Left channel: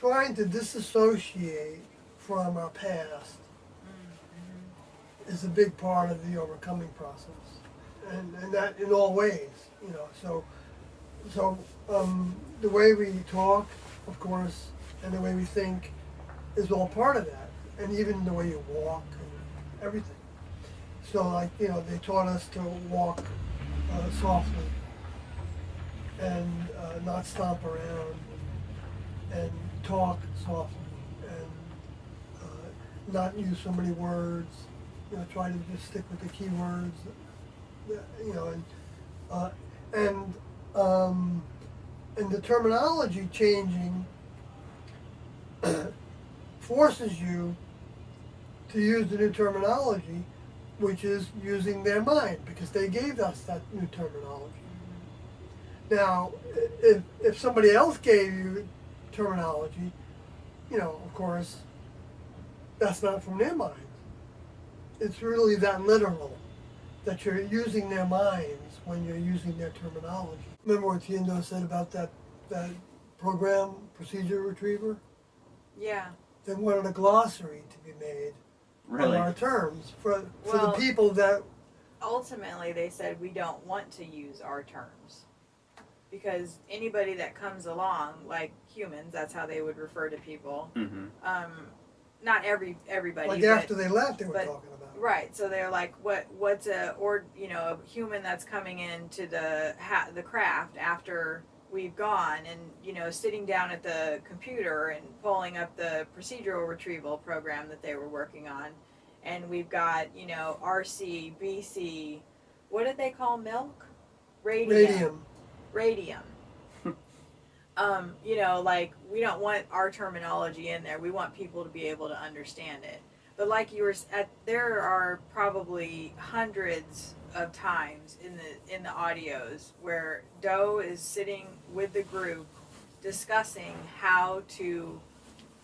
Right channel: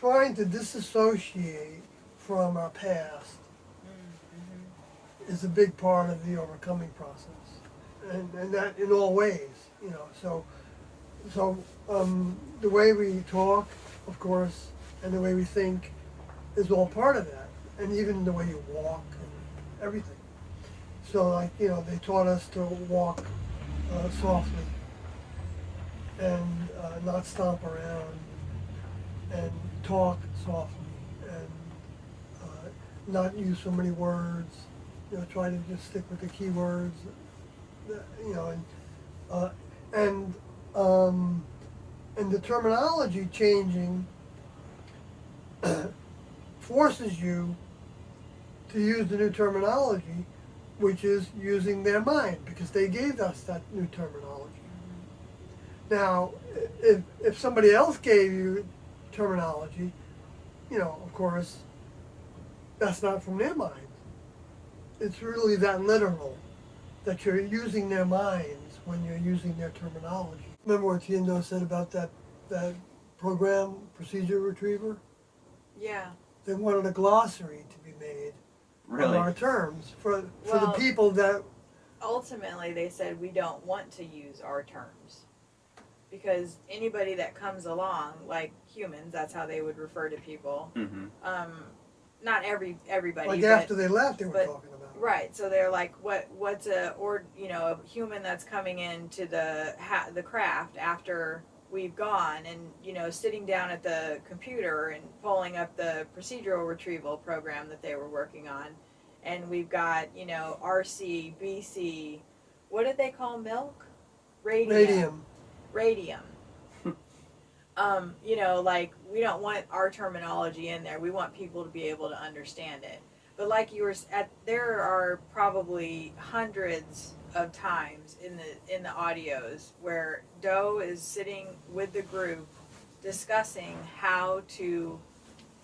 trying to disassociate from our past is a big part of the overcoming process, and that in all ways, you know. So the way we talk, of course, and the way we think is all part of that, and even the way you walk and everything. So, like, you know, they taught us to walk softly and not stomp around and talk softly and not use so many words. You know, try to just stick with the key words. You know, uh, and and the terminology changing forces you to use the new terminology, which is using their mind, because they gave us that new terminology. Now, if somebody else gave you terminology, you know, of course, that's not from their mind. It's really that literal, that you're using their minds when you're using their terminology. Remember what Tiendo said about that program, Procedure Retriever? Yeah. They wanted a glossary to be made Really? of our terms for the Well, people that. ultimately they said we don't want to use our terms because anybody that comes along, like humans, that's how they would refer to people. Mm-hmm. Not everybody, Like but, after they left, they were but- talking about. right. So they're like, what's a human that's coming into the craft after we've gone, and sitting down at the computer and pulling up the procedural retrieval program that they were working on, and we've got RC, BC, what did they call milk? Radium. Like, we don't want our terminology in there. We want people to be able to understand it. But like you were there are probably hundreds of times in the audios where Doe is sitting with the group discussing how to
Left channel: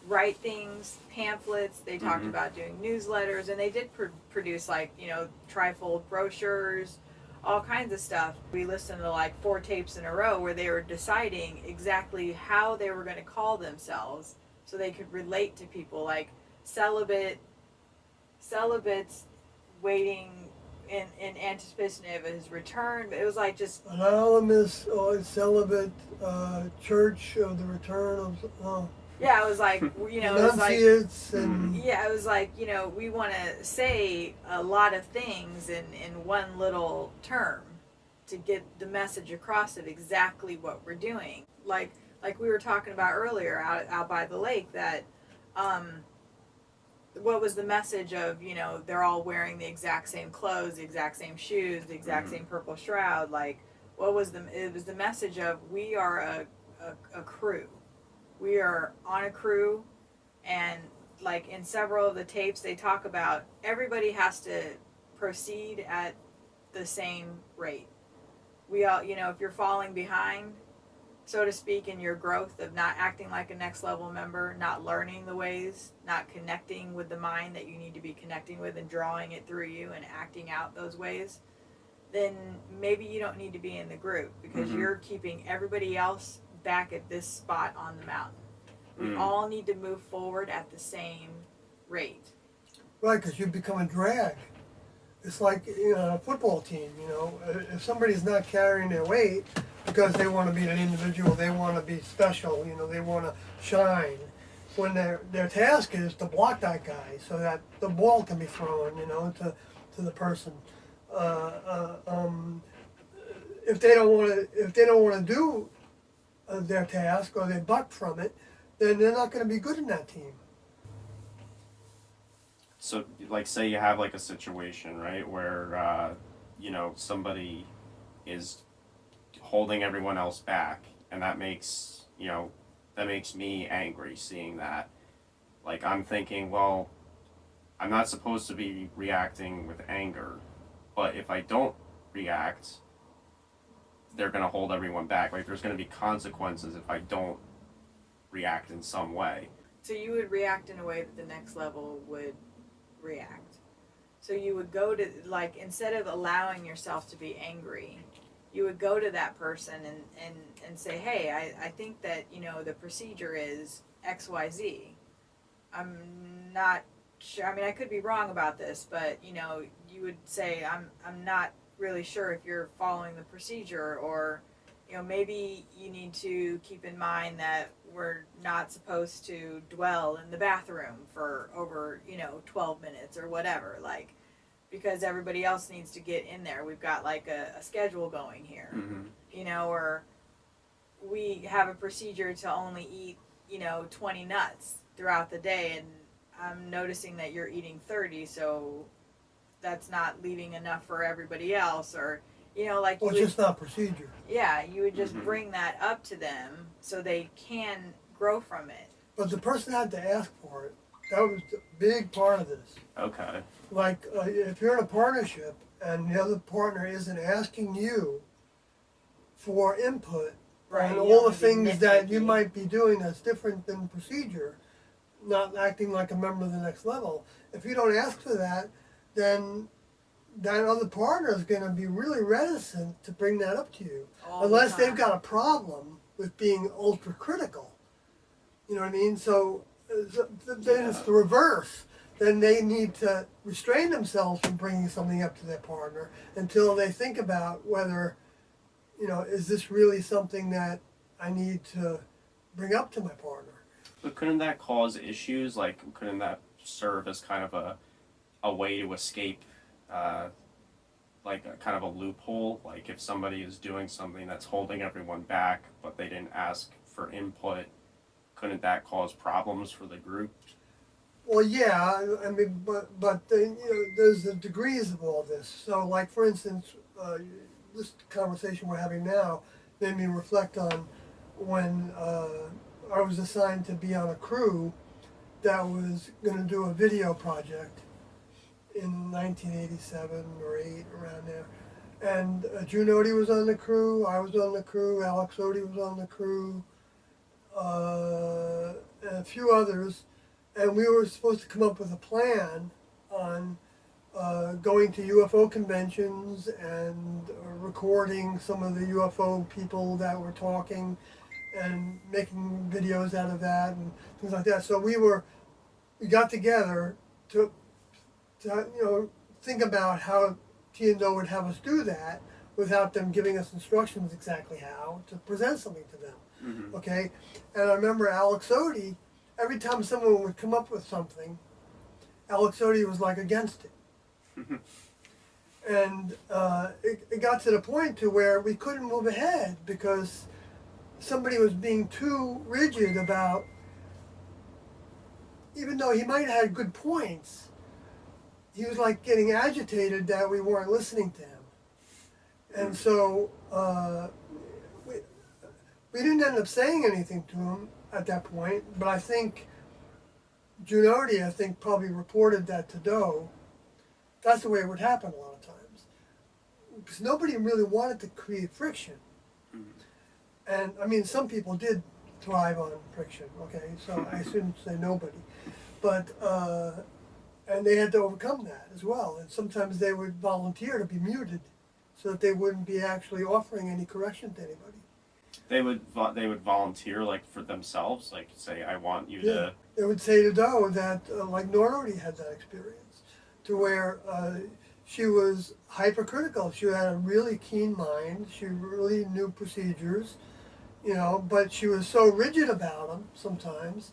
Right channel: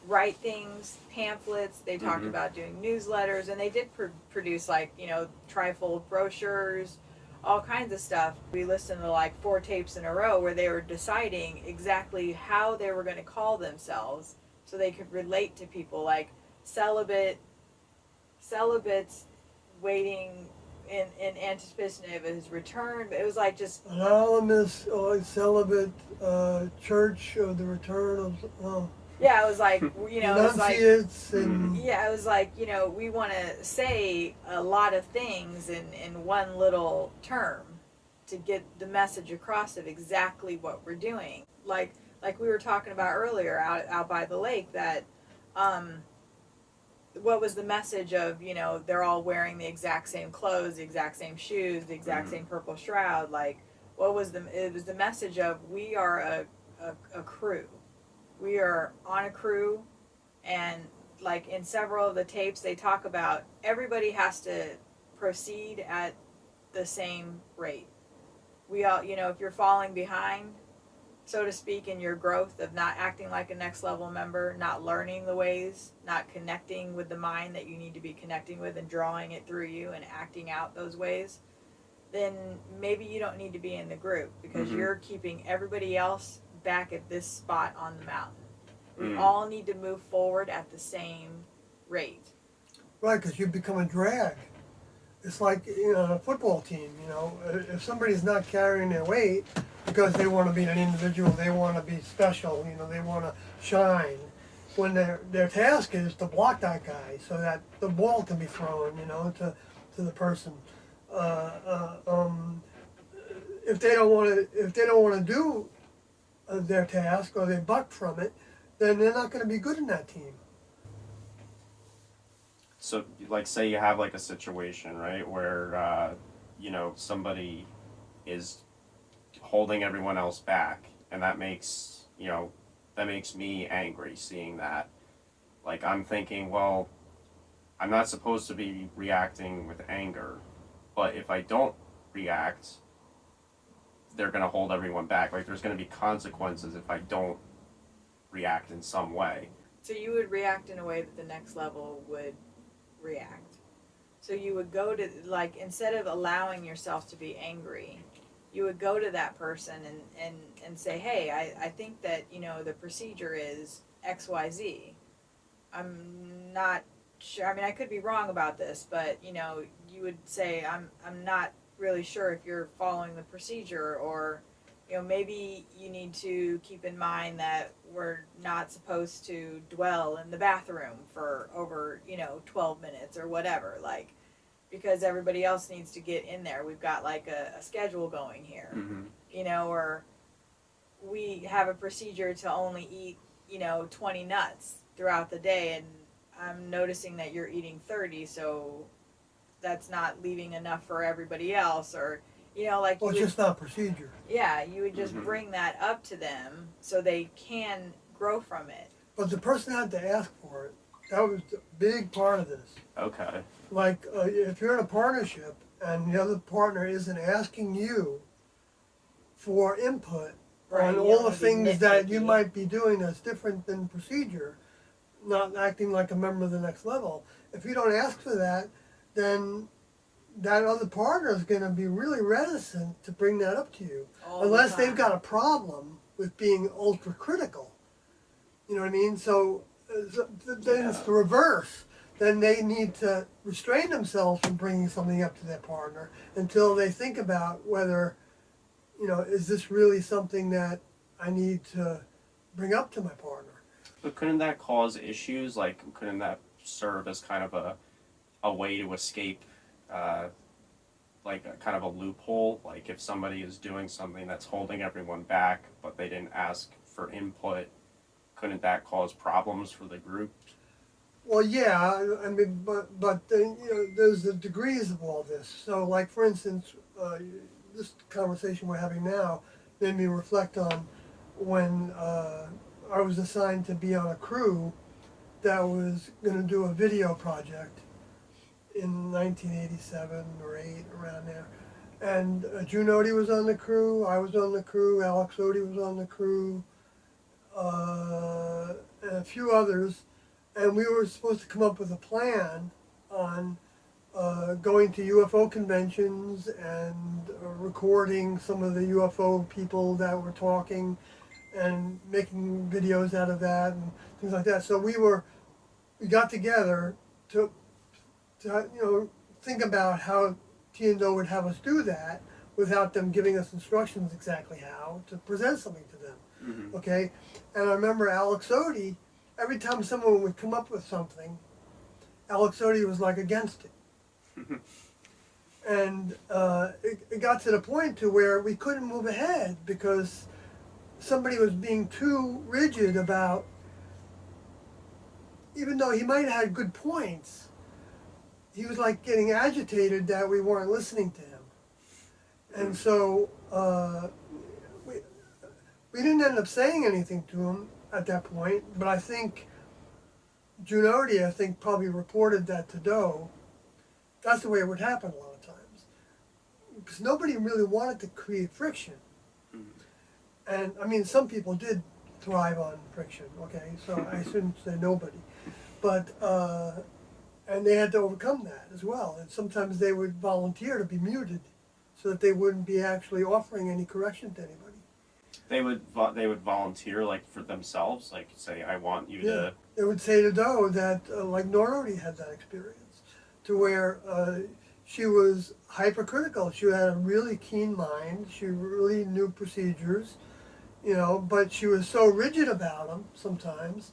write things, pamphlets. They talked Mhm. about doing newsletters, and they did produce, like, trifold brochures, all kinds of stuff. We listened to like 4 tapes in a row where they were deciding exactly how they were going to call themselves so they could relate to people, like celibates waiting in anticipation of his return. But it was like just Anonymous celibate church of the return of. yeah, it was like it was like Enunciates and. yeah, it was like, we want to say a lot of things in one little term to get the message across of exactly what we're doing. Like we were talking about earlier out by the lake, that what was the message of, they're all wearing the exact same clothes, the exact same shoes, the exact same purple shroud. Like, it was the message of, we are a crew. We are on a crew, and like in several of the tapes they talk about, everybody has to proceed at the same rate. We all, if you're falling behind, so to speak, in your growth of not acting like a next level member, not learning the ways, not connecting with the mind that you need to be connecting with and drawing it through you and acting out those ways, then maybe you don't need to be in the group, because you're keeping everybody else back at this spot on the mountain. We all need to move forward at the same rate. Right, because you become a drag. It's like a football team. If somebody's not carrying their weight because they want to be an individual, they want to be special. They want to shine. When their task is to block that guy so that the ball can be thrown, to the person. If they don't want to do their task, or they buck from it, then they're not going to be good in that team. So, like, say you have like a situation, right, where somebody is holding everyone else back, and that makes me angry seeing that. Like, I'm thinking, well, I'm not supposed to be reacting with anger, but if I don't react, they're going to hold everyone back. Like, there's going to be consequences if I don't react in some way. So you would react in a way that the next level would react. So you would go to, like, instead of allowing yourself to be angry, you would go to that person and say, hey, I think that, the procedure is XYZ. I'm not sure. I mean, I could be wrong about this, but you know, you would say I'm not really sure if you're following the procedure, or you know, maybe you need to keep in mind that we're not supposed to dwell in the bathroom for over, you know, 12 minutes or whatever, like, because everybody else needs to get in there. We've got like a schedule going here, you know, or we have a procedure to only eat, you know, 20 nuts throughout the day, and I'm noticing that you're eating 30, so that's not leaving enough for everybody else, or you know, like Well, you it's would, just not procedure. yeah, you would just Mhm. bring that up to them so they can grow from it. But the person had to ask for it. That was a big part of this. Okay. Like, if you're in a partnership and the other partner isn't asking you for input Right, on you all don't the wanna be things that you nitpicky. might be doing that's different than procedure, not acting like a member of the next level. If you don't ask for that, then that other partner is going to be really reticent to bring that up to you, All the unless they've time. got a problem with being ultra critical. You know what I mean? So then it's Yeah. the reverse. Then they need to restrain themselves from bringing something up to their partner until they think about whether, you know, is this really something that I need to bring up to my partner? But couldn't that cause issues? Like, couldn't that serve as kind of a way to escape, like a kind of a loophole? Like, if somebody is doing something that's holding everyone back, but they didn't ask for input, couldn't that cause problems for the group? Well, yeah, I mean, but then, you know, there's the degrees of all this. So, like for instance, this conversation we're having now made me reflect on when I was assigned to be on a crew that was going to do a video project in 1987 or 8, around there. And June Odie was on the crew, I was on the crew, Alex Odie was on the crew, and a few others, and we were supposed to come up with a plan on going to UFO conventions and recording some of the UFO people that were talking and making videos out of that and things like that. So we got together to you know, think about how T&O would have us do that without them giving us instructions exactly how to present something to them. Mm-hmm. Okay, and I remember Alex Odie. Every time someone would come up with something, Alex Odie was like against it, and it got to the point to where we couldn't move ahead because somebody was being too rigid about. Even though he might have had good points, he was like getting agitated that we weren't listening to him, and so we didn't end up saying anything to him at that point, but I think Junodi, I think, probably reported that to Doe. That's the way it would happen a lot of times. Because nobody really wanted to create friction. And, I mean, some people did thrive on friction, okay? So I shouldn't say nobody. But, and they had to overcome that as well. And sometimes they would volunteer to be muted so that they wouldn't be actually offering any correction to anybody. They would volunteer, like, for themselves, like, say, I want you Yeah. to. They would say to Doe that, like Norody had that experience, to where she was hypercritical. She had a really keen mind. She really knew procedures, you know, but she was so rigid about them sometimes,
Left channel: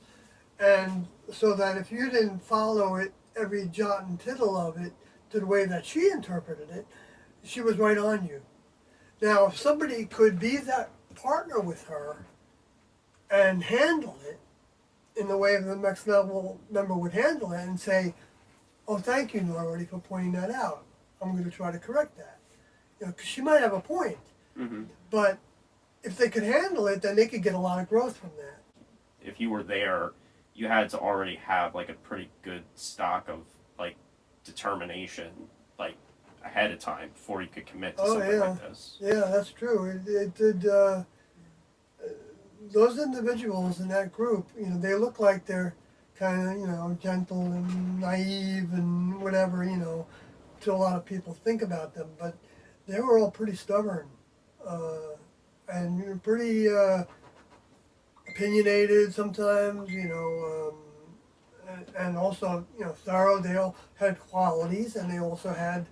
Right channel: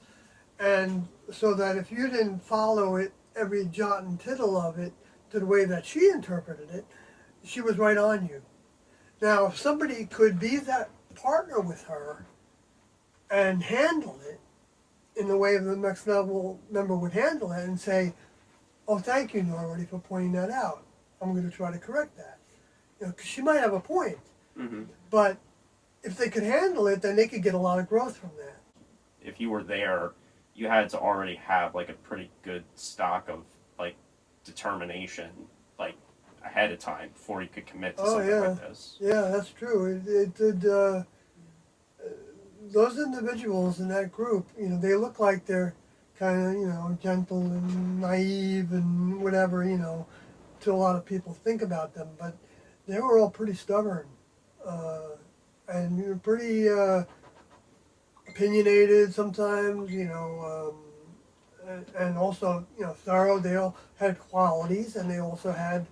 and so that if you didn't follow it, every jot and tittle of it, to the way that she interpreted it, she was right on you. Now, if somebody could be that partner with her and handle it in the way the next level member would handle it and say, oh, thank you, Norody, for pointing that out. I'm going to try to correct that. You know, 'cause she might have a point, Mm-hmm. but if they could handle it, then they could get a lot of growth from that. If you were there, you had to already have like a pretty good stock of like determination, like ahead of time before you could commit to Oh, something yeah. like this. Yeah, that's true. It did. Those individuals in that group, you know, they look like they're kind of, you know, gentle and naive and whatever, you know, to a lot of people think about them, but they were all pretty stubborn and pretty opinionated sometimes, and also, thorough. They all had qualities, and they also had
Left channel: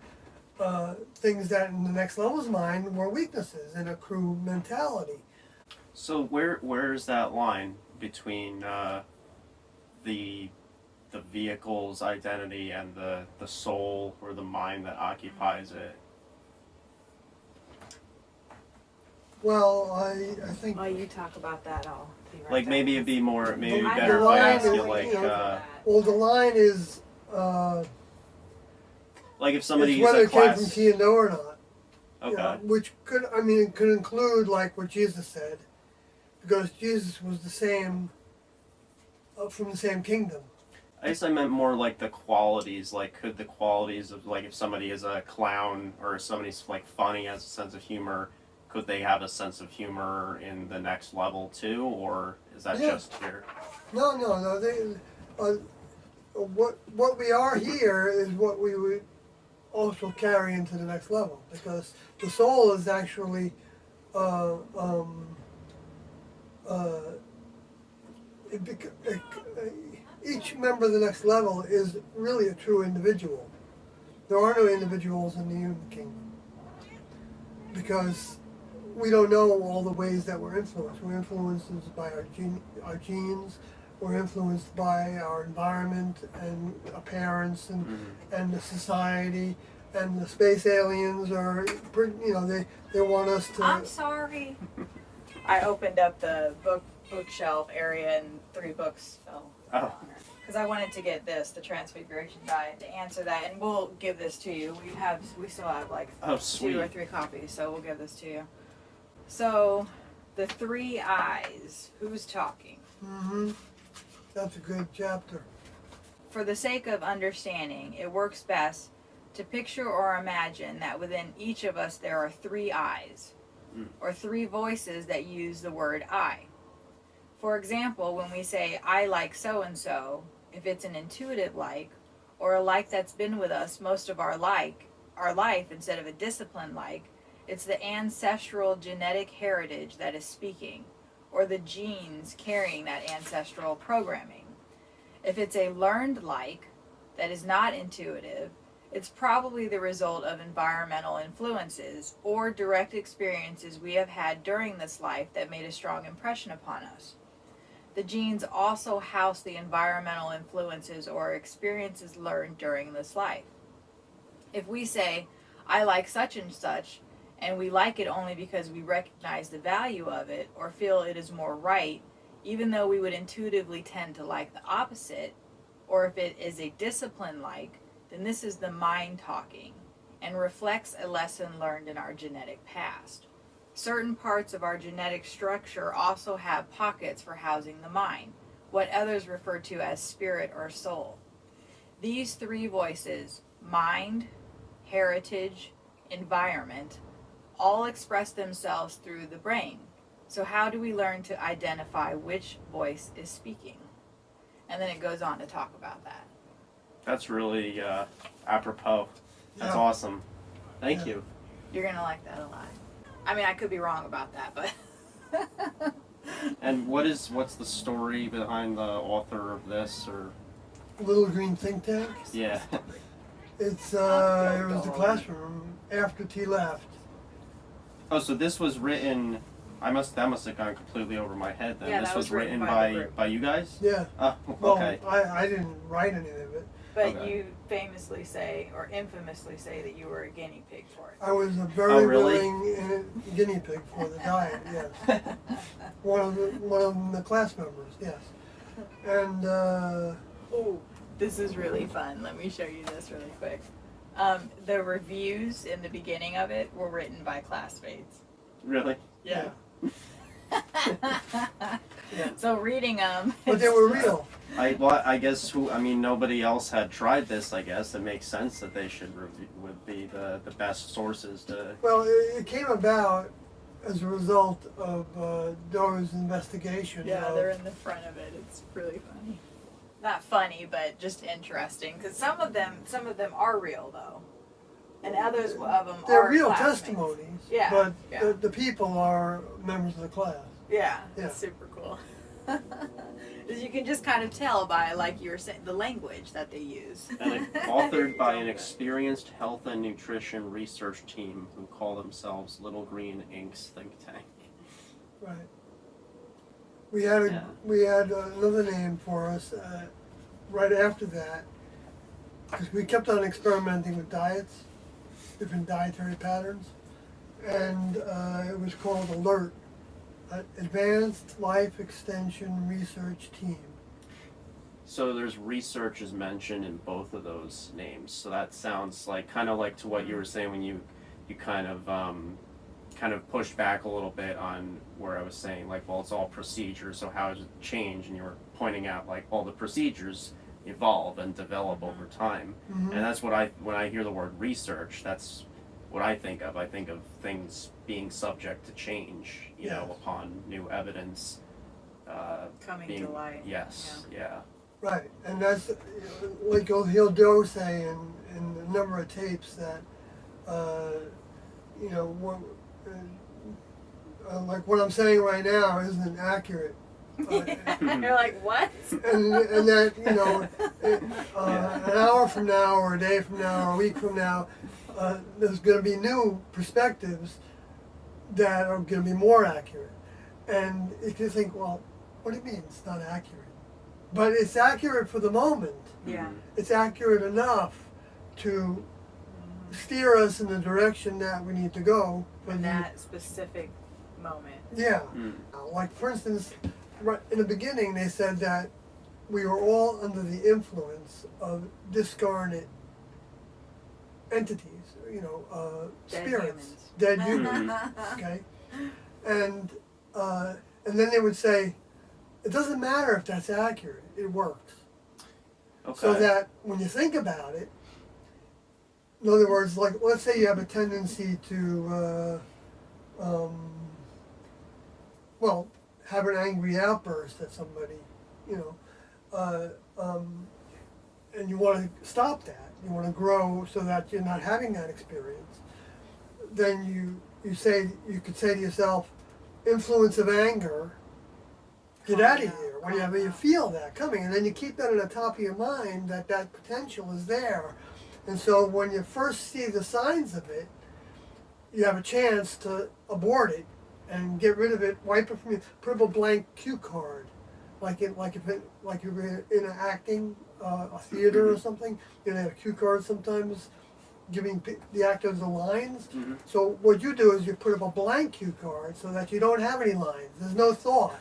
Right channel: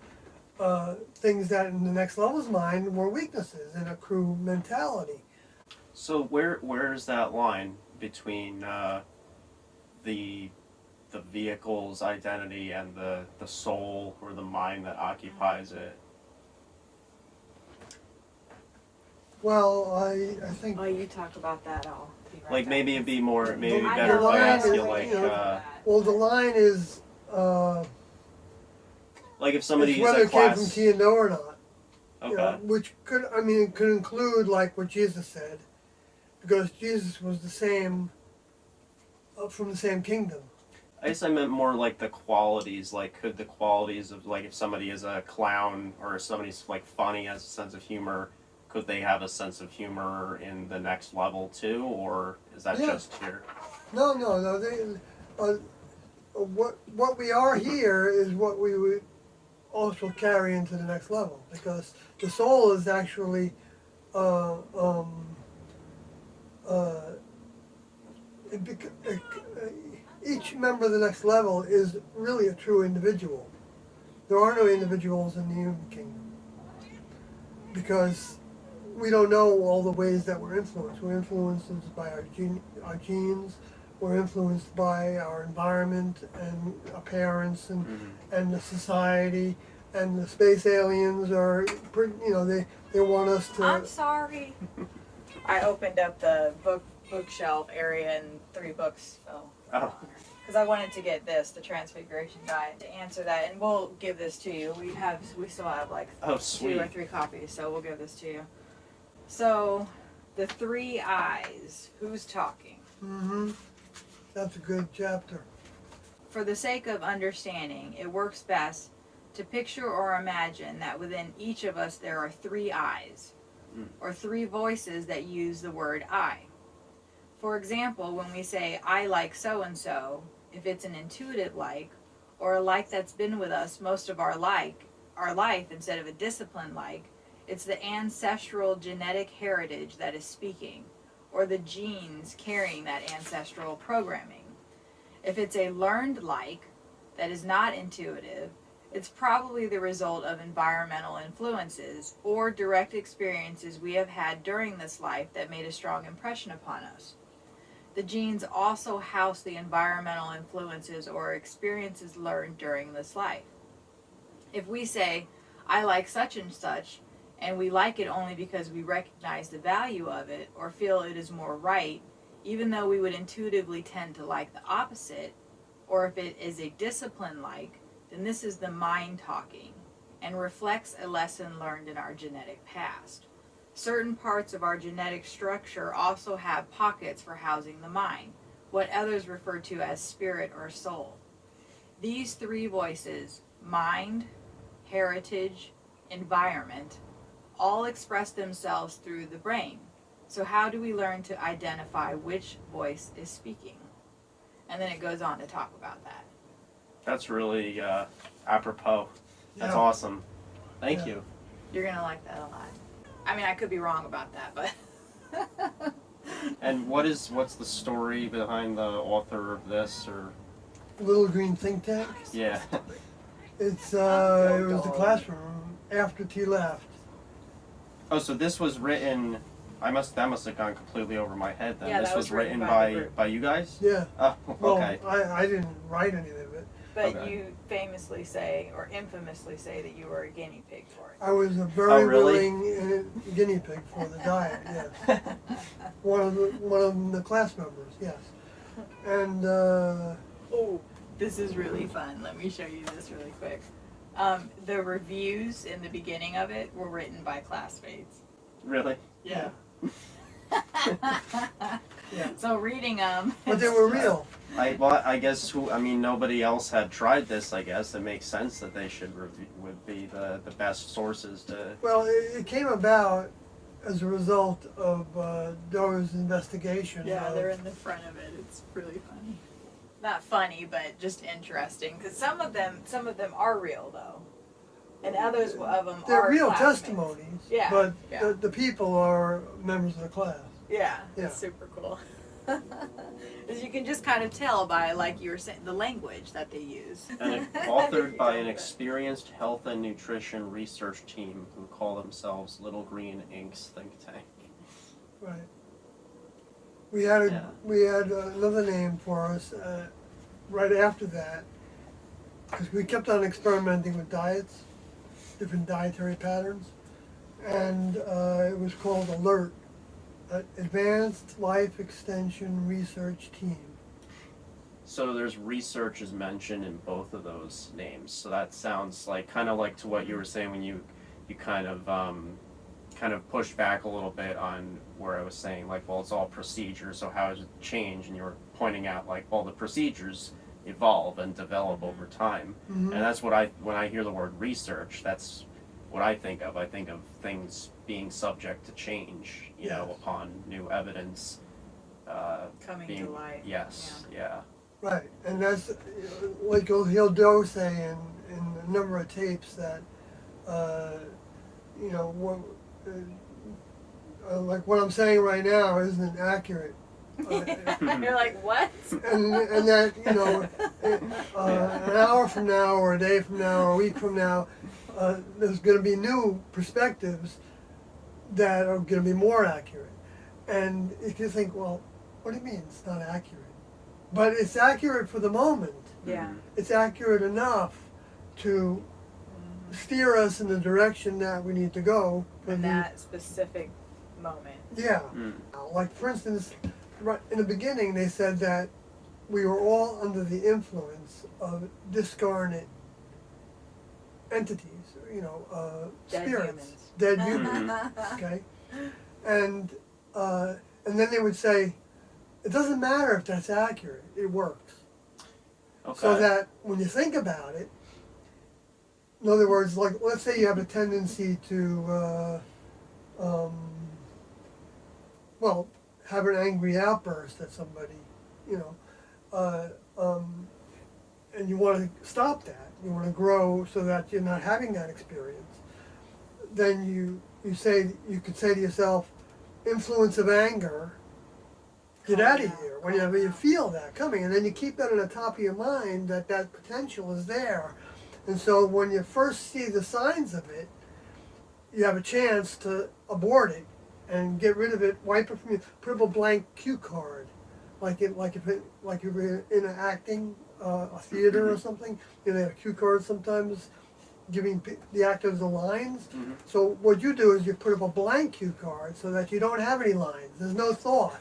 things that in the next level's mind were weaknesses in a crew mentality. So where is that line between the vehicle's identity and the soul or the mind that occupies it? Well, I think While you talk about that, I'll be right Like back. maybe it'd be more maybe I better if know, I I ask you know, like you know, uh, well, the line is like if somebody it's is whether a it came from class. T and O or not. Okay. Which could, it could include like what Jesus said, because Jesus was the same, from the same kingdom. I guess I meant more like the qualities. Like, could the qualities of like if somebody is a clown or if somebody's like funny, has a sense of humor, could they have a sense of humor in the next level too, or is that Yeah. just here? No. What we are here is what we would also carry into the next level, because the soul is actually uh, each member of the next level is really a true individual. There are no individuals in the human kingdom, because we don't know all the ways that we're influenced. We're influenced by our genes. We're influenced by our environment and our parents and the society, and the space aliens are, they want us to. I'm sorry. I opened up the bookshelf area and 3 books fell. Oh. Because I wanted to get this, the Transfiguration Diet, to answer that, and we'll give this to you. We still have like Oh, 2 sweet. or 3 copies, so we'll give this to you. So, the 3 eyes. Who's talking? Mm-hmm. That's a good chapter. For the sake of understanding, it works best to picture or imagine that within each of us there are 3 eyes, or 3 voices that use the word I. For example, when we say, I like so-and-so, if it's an intuitive like, or a like that's been with us most of our life instead of a disciplined like, it's the ancestral genetic heritage that is speaking, or the genes carrying that ancestral programming. If it's a learned like that is not intuitive, it's probably the result of environmental influences or direct experiences we have had during this life that made a strong impression upon us. The genes also house the environmental influences or experiences learned during this life. If we say, I like such and such, and we like it only because we recognize the value of it or feel it is more right, even though we would intuitively tend to like the opposite, or if it is a discipline like, then this is the mind talking and reflects a lesson learned in our genetic past. Certain parts of our genetic structure also have pockets for housing the mind, what others refer to as spirit or soul. These 3 voices, mind, heritage, environment, all express themselves through the brain. So how do we learn to identify which voice is speaking? And then it goes on to talk about that. That's really apropos. That's Yeah. awesome. Thank Yeah. you. You're going to like that a lot. I mean, I could be wrong about that, but... And what's the story behind the author of this, or Little Green Think Tank. yeah? It was the classroom after T left. Oh, so this was written. That must have gone completely over my head then. Yeah, This that was was written written by the by group. you guys? Yeah. Oh, Well, okay. I didn't write any of it. But Okay. you famously say, or infamously say, that you were a guinea pig for it. I was a very Oh, really? willing guinea pig for the diet. Yes. One of the class members. Yes. And Oh, this is really fun. Let me show you this really quick. The reviews in the beginning of it were written by classmates. Really? Yeah. Yeah. So reading them. but they were real. I guess nobody else had tried this. I guess it makes sense that they would be the best sources to. Well, it came about as a result of Doe's investigation. Yeah, of, they're in the front of it. It's really funny. Not funny, but just interesting. Because some of them are real though, and others of them They're are real classmates. testimonies. Yeah, But yeah. the people are members of the class. Yeah, Yeah. it's super cool. Because you can just kind of tell by, like you were saying, the language that they use. And authored by an experienced health and nutrition research team who call themselves Little Green Inc.'s think tank. Right. We had Yeah. we had another name for us right after that, because we kept on experimenting with diets, different dietary patterns, and it was called ALERT, Advanced Life Extension Research Team. So there's research is mentioned in both of those names. So that sounds like kind of like to what you were saying when you kind of pushed back a little bit on where I was saying like, well, it's all procedure. So how does it change? And you were pointing out like all the procedures evolve and develop over time. Mm-hmm. And that's what when I hear the word research, that's what I think of. I think of things being subject to change, you know, Yes. upon new evidence. Coming Being, to light. yes, yeah. Right, and that's like he'll do say in a number of tapes that, you know, like what I'm saying right now isn't accurate. You're like, what? And that, you know, an hour from now or a day from now or a week from now, there's going to be new perspectives that are going to be more accurate. And if you think, well, what do you mean it's not accurate? But it's accurate for the moment. Yeah. Mhm. It's accurate enough to steer us in the direction that we need to go. for In the- that specific moment. Yeah. Mm. Like, for instance, right in the beginning, they said that we were all under the influence of discarnate entities, you know, Dead spirits, humans. dead humans, okay? And then they would say, it doesn't matter if that's accurate, it works. Okay. So that when you think about it, in other words, like, let's say you have a tendency to, well, have an angry outburst at somebody, you know, and you want to stop that, you want to grow so that you're not having that experience, then you could say to yourself, influence of anger, get out of here whenever you feel that coming, and then you keep that on the top of your mind that that potential is there. And so when you first see the signs of it, you have a chance to abort it and get rid of it, wipe it from you, put up a blank cue card, like you're in an acting, a theater or something. You know, they have cue cards sometimes, giving the actors the lines. Mhm. So what you do is you put up a blank cue card so that you don't have any lines. There's no thought.